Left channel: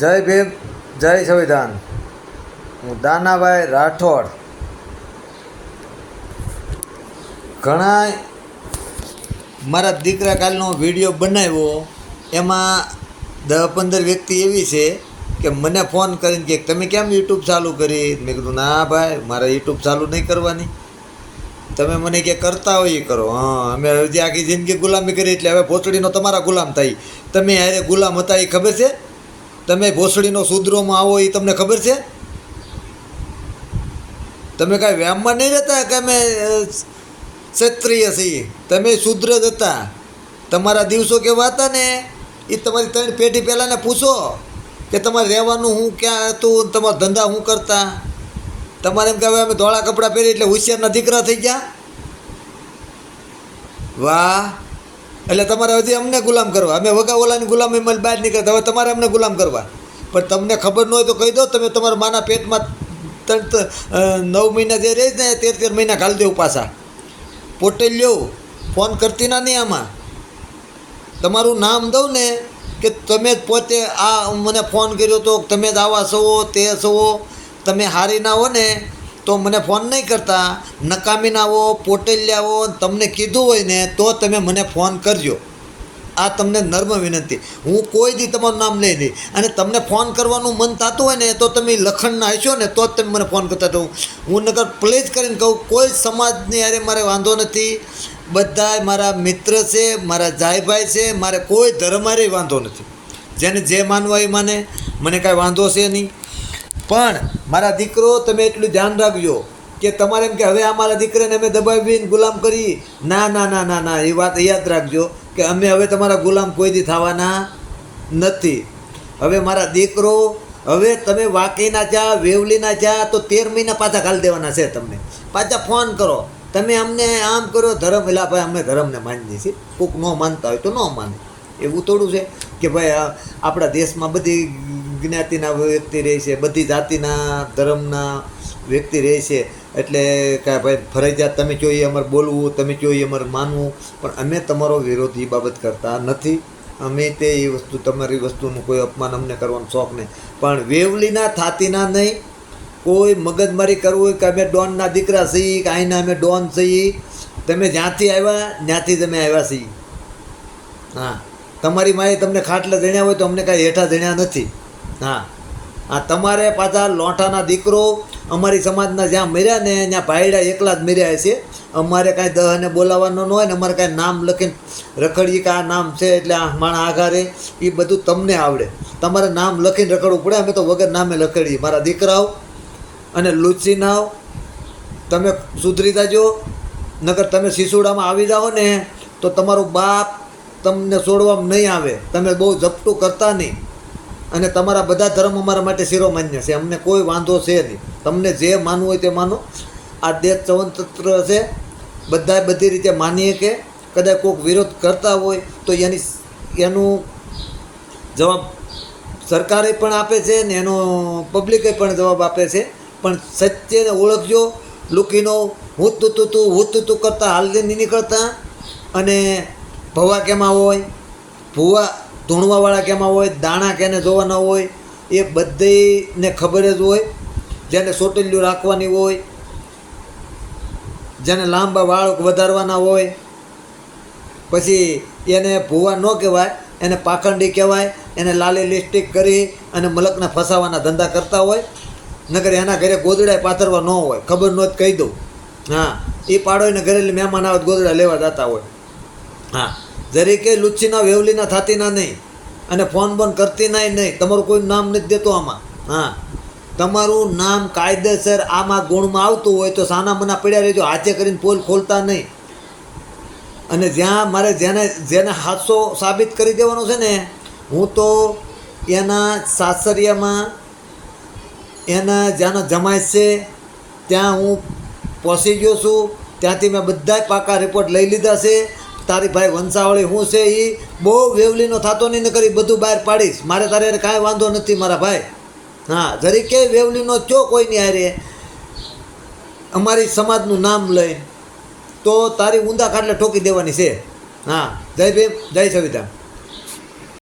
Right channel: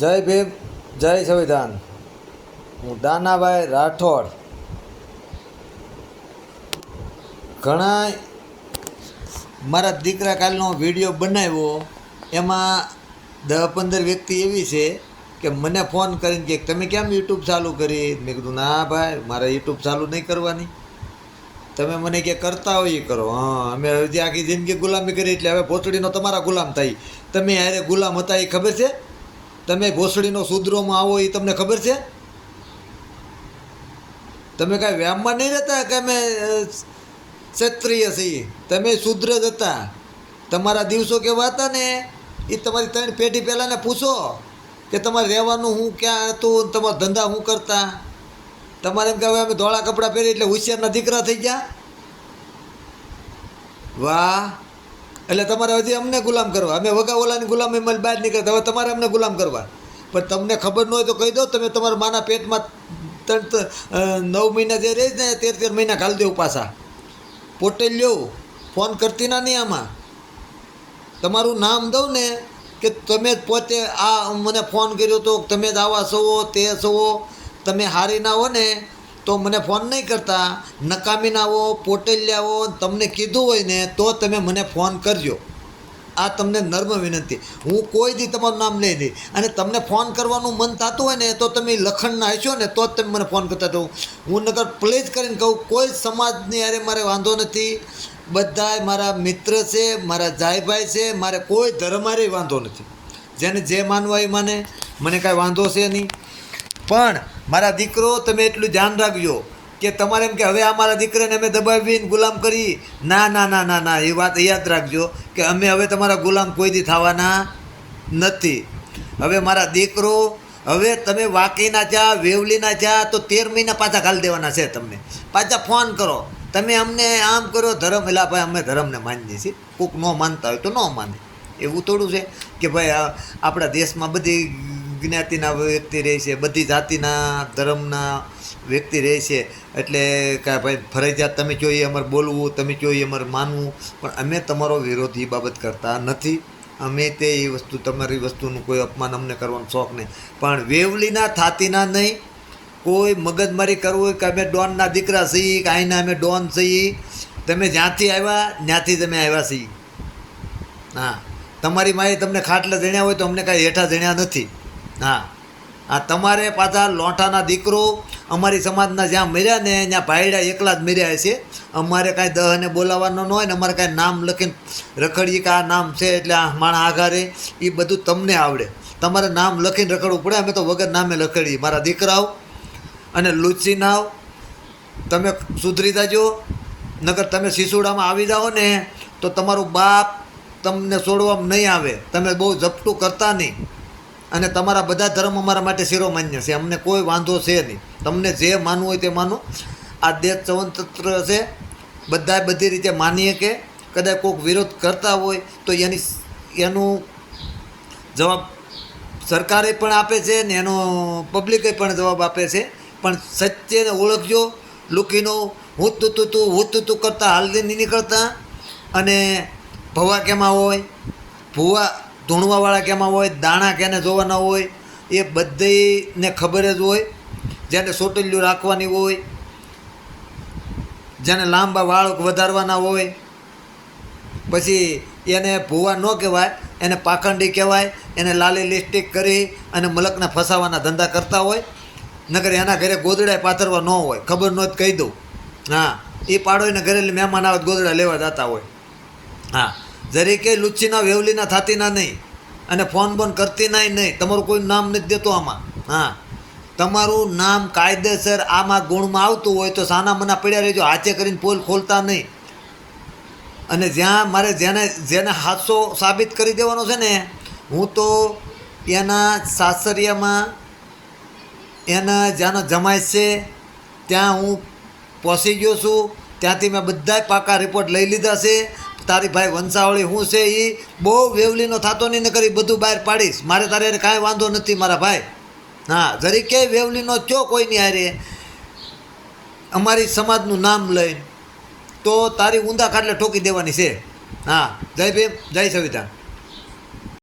જય ભીમ, જય સંવિધાન. હું દાનાભાઈ રાઠોડ. ઘણા મારા દીકરા કાલનો વિડીયો બનાવ્યો, એમાં 10-15 વ્યક્તિ એવી છે કે મને ફોન કરીને કે તમે કેમ યુટ્યુબ ચાલુ કરી. મેં કીધું ના ભાઈ, મારે યુટ્યુબ ચાલુ નહીં કરવાની. તમે મને કે કરતા હોય એ કરો. હા, અમે હજી આખી જિંદગી ગુલામી કરી, એટલે હવે ભોસડીનો તમારા ગુલામ થાય. તમે હારે ગુલામ હતા એ ખબર છે? તમે ભોસડીનો શુદ્રોમાં આવો એ તમને ખબર છે? તમે કાંઈ વ્યાયામમાં નહીં રહેતા કે અમે ક્ષત્રિય છીએ. તમે શુદ્ર જ હતા. તમારા દિવસો કેવા હતા ને એ તમારી 3 પેઢી પહેલાંને પૂછો કે તમારે રહેવાનું હું ક્યાં હતું, તમારા ધંધા શું કરતા. તમારે એમ કે હવે અમે ધોળા કપડાં પહેરી એટલે હોશિયારના દીકરા થઈ ગયા. વાહ! એટલે તમારે હજી અમને ગુલામ કરવા. અમે વગા ઓલાની ગુલામીમાં બહાર નીકળતા, હવે તમારે અમને ગુલામ કરવા. પણ તમને ખબર ન હોય તો કહી દો. તમે તમારા માના પેટમાં 9 મહિના જે રહે ને 13 મહિના ઘાલી દેવું પાછા. પોતે લ્યો, ફોન કરતી ના નહીં. આમાં તમારું નામ દઉં ને કે તમે જ પોતે આ મને ફોન કર્યો તો, તમે જ આવા છો તે છો. તમે હારી ના હો ને તો મને ફોન નહીં કરતા. નકામી ના આવો, પોટેલિયા આવો, તમને કીધું હોય ને તો તમે મને ફોન કરજો. આ તમને નર્મ વિનંતી. હું કોઈ દી તમારું નામ લઈ લઈ. અને તમને ફોન કરવાનું મન થતું હોય ને તો તમે લખણના હશો ને તો જ તમે મને ફોન કરતા. તો હું નકર પ્લીઝ કરીને કહું, કોઈ સમાજની અરે મારે વાંધો નથી. બધા મારા મિત્ર છે, મારા જાયભાઈ છે. મારે કોઈ ધર્મ હારે વાંધો નથી. જેને જે માનવા એ માને, મને કાંઈ વાંધો છે નહીં. પણ મારા દીકરો, તમે એટલું ધ્યાન રાખજો કે તમારે એમ કે હવે અમારા દીકરાને અમે દબાવીને ગુલામ કરી. ના ના ના ના ના, એ વાત યાદ રાખજો કે અમે હવે તમારા ગુલામ કોઈ દી થવાના નથી. હવે મારા દીકરો, હવે તમે વાકીના જા, વેવલીના જા તો 13 મહિના પાછા ઘાલી દેવાના છે. તમને પાછા ફોન કરો. તમે અમને આમ કરો, ધર્મ એલા ભાઈ અમે ધર્મને માનીએ છીએ. કોઈક ન માનતા હોય તો ન માને. એવું થોડું છે કે ભાઈ આપણા દેશમાં બધી જ્ઞાતિના વ્યક્તિ રહે છે, બધી જાતિના ધર્મના વ્યક્તિ રહે છે. એટલે કાંઈ ભાઈ ફરજિયાત તમે કહો એ અમારે બોલવું, તમે કહો એ અમારે માનવું. પણ અમે તમારો વિરોધ એ બાબત કરતા નથી. અમે તે એ વસ્તુ, તમારી વસ્તુનું કોઈ અપમાન અમને કરવાનો શોખ નહીં. પણ વેવલીના થાતીના નહીં. કોઈ મગજમારી કરવું હોય કે અમે ડોનના દીકરા છીએ કે અહીંના અમે ડોન છીએ. તમે જ્યાંથી આવ્યા ત્યાંથી જ અમે આવ્યા છીએ. હા, તમારી માએ તમને ખાટલા જણ્યા હોય તો અમને કાંઈ હેઠા જણ્યા નથી. હા, આ તમારે પાછા લોઠાના દીકરો અમારી સમાજના જ્યાં મર્યા ને ત્યાં ભાઈડા એકલા જ મર્યા છે. અમારે કાંઈ દહને બોલાવવાનો ન હોય ને અમારે કાંઈ નામ લખીને રખડીએ કે આ નામ છે એટલે આ માણા આઘારે, એ બધું તમને આવડે. તમારે નામ લખીને રખડવું પડે. અમે તો વગર નામે લખડીએ. મારા દીકરાઓ અને લુચ્ચી નાવ, તમે સુધરી જાજો. નકર તમે સિસોડામાં આવી જાઓ ને તો તમારું બાપ તમને છોડવામાં નહીં આવે. તમે બહુ ઝપટું કરતા નહીં. અને તમારા બધા ધર્મ અમારા માટે શિરોમાન્ય છે. અમને કોઈ વાંધો છે નહીં. તમને જે માનવું હોય તે માનો. આ દેશ સ્વતંત્ર છે, બધા બધી રીતે માનીએ. કે કદાચ કોઈક વિરોધ કરતા હોય તો એનું જવાબ સરકારે પણ આપે છે ને એનો પબ્લિકે પણ જવાબ આપે છે. પણ સત્યને ઓળખજો. લુકીનો હું તું કરતા હાલથી નહીં નીકળતા. અને ભવા કેમાં હોય, ભૂવા ધૂણવાવાળા કેમાં હોય, દાણા કેને જોવાના હોય, એ બધીને ખબર જ હોય. જેને સોટેલિયું રાખવાની હોય, જેને લાંબા વાળ વધારવાના હોય, પછી એને ભૂવા ન કહેવાય, એને પાખંડી કહેવાય. એને લાલી લિપસ્ટિક કરી અને મલકને ફસાવાના ધંધા કરતા હોય. નકર એના ઘરે ગોદડા પાથરવા ન હોય. ખબર ન જ કહી દઉં. હા, એ પાડોને ઘરે મહેમાન આવે ગોદડા લેવા જતા હોય. હા, જરીકે લુચ્ચીના વેવલીના થાતીના નહીં. અને ફોન બોન કરતી નહીં. તમારું કોઈ નામ નથી દેતો આમાં. હા, તમારું નામ કાયદેસર આમાં ગુણમાં આવતું હોય તો સાના મના પડ્યા રહેજો. હાથે કરીને પોલ ખોલતા નહીં. અને જ્યાં મારે જેને હાથસો સાબિત કરી દેવાનો છે ને, હું તો એના સાસરિયામાં એના જ્યાંનો જમાઈ છે ત્યાં હું પહોંચી ગયો છું. ત્યાંથી મેં બધાય પાકા રિપોર્ટ લઈ લીધા છે. તારી ભાઈ વંશાવળી શું છે એ બહુ વેવલીનો થતો નહીં. ન કરી બધું બહાર પાડીશ. મારે તારે કાંઈ વાંધો નથી મારા ભાઈ. હા, જરી ક્યાંય વેવલીનો ચો કોઈની હારે અમારી સમાજનું નામ લઈ તો તારી ઊંધા ખાટલે ઠોકી દેવાની છે. હા, જય ભીમ, જય સંવિધાન.